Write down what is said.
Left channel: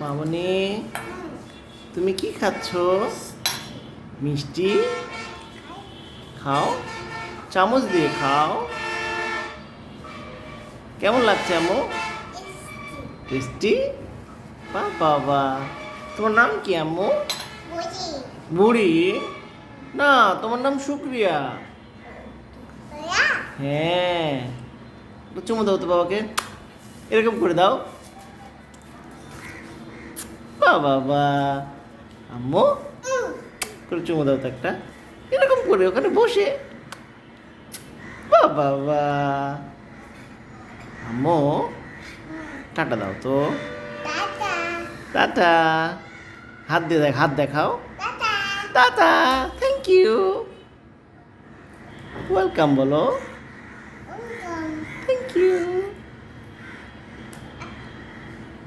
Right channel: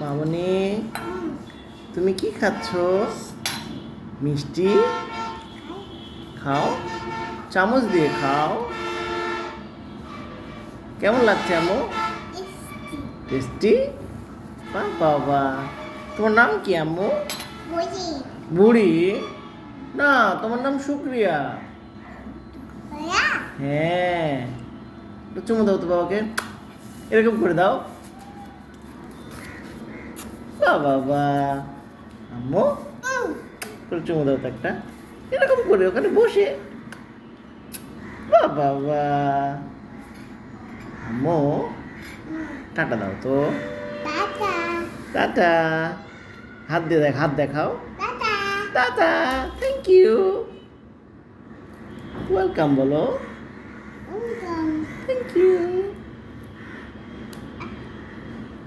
মামনি, তুমি কি খাচ্ছ? মিষ্টি খাও, চামচ দিয়ে খাও। কেমন লাগছে আম্মু? টেস্টি। বাবা, তোমার নাম কি আম্মু? বুড়ি না, তোমার নাম শুক্রিয়া। হ্যাঁ, একটু চুমু দাও তো বাবাকে, এরকম করে দাও। বাবা, আম্মু করে চুমু দাও তো একটা, এরকম করে ওখানে বসে। বাবা, আম্মু টাটা দাও তো। টাটা। হাত দিয়ে হাত দেখাও। টাটা। Thank you. ওয়েলকাম বলো। Thank you.